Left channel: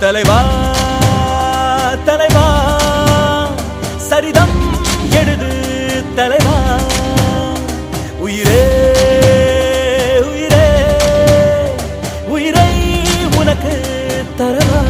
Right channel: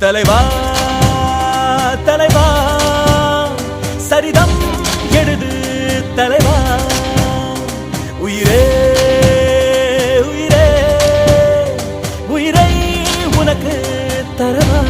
தலைவா தலைவா சரிதம் எழுது தலைவா. உயிரே உயிரே உயிரை உனக்கு தரவா.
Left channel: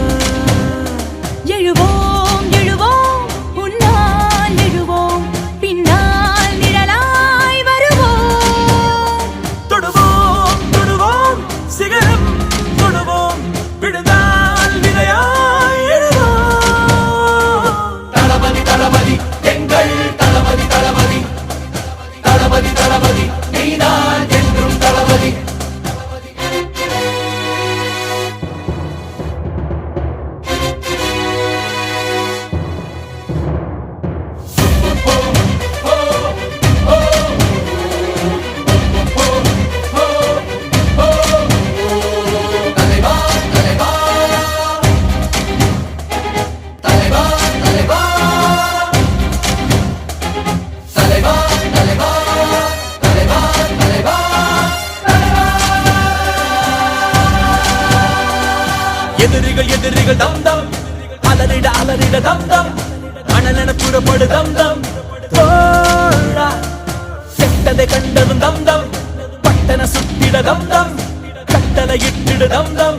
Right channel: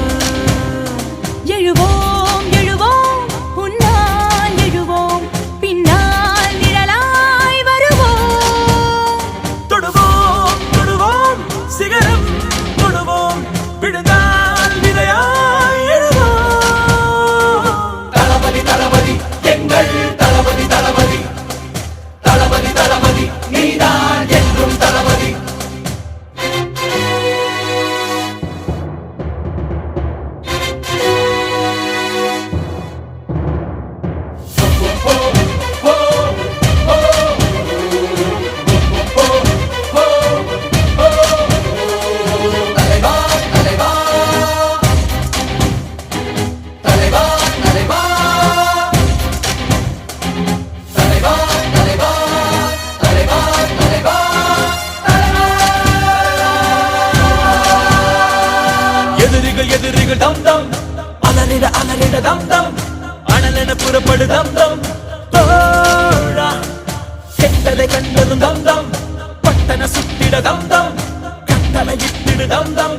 எதிரிகள் டம் டம். தம் அலறிட அலறிட டம். தம் அனலென புறப்படு டம் டம். தோழா செட்டதை கண்டது டம் டம். பட்டன சுத்திட டம் டம். கட்டளை இட்டிடு டம் டம்.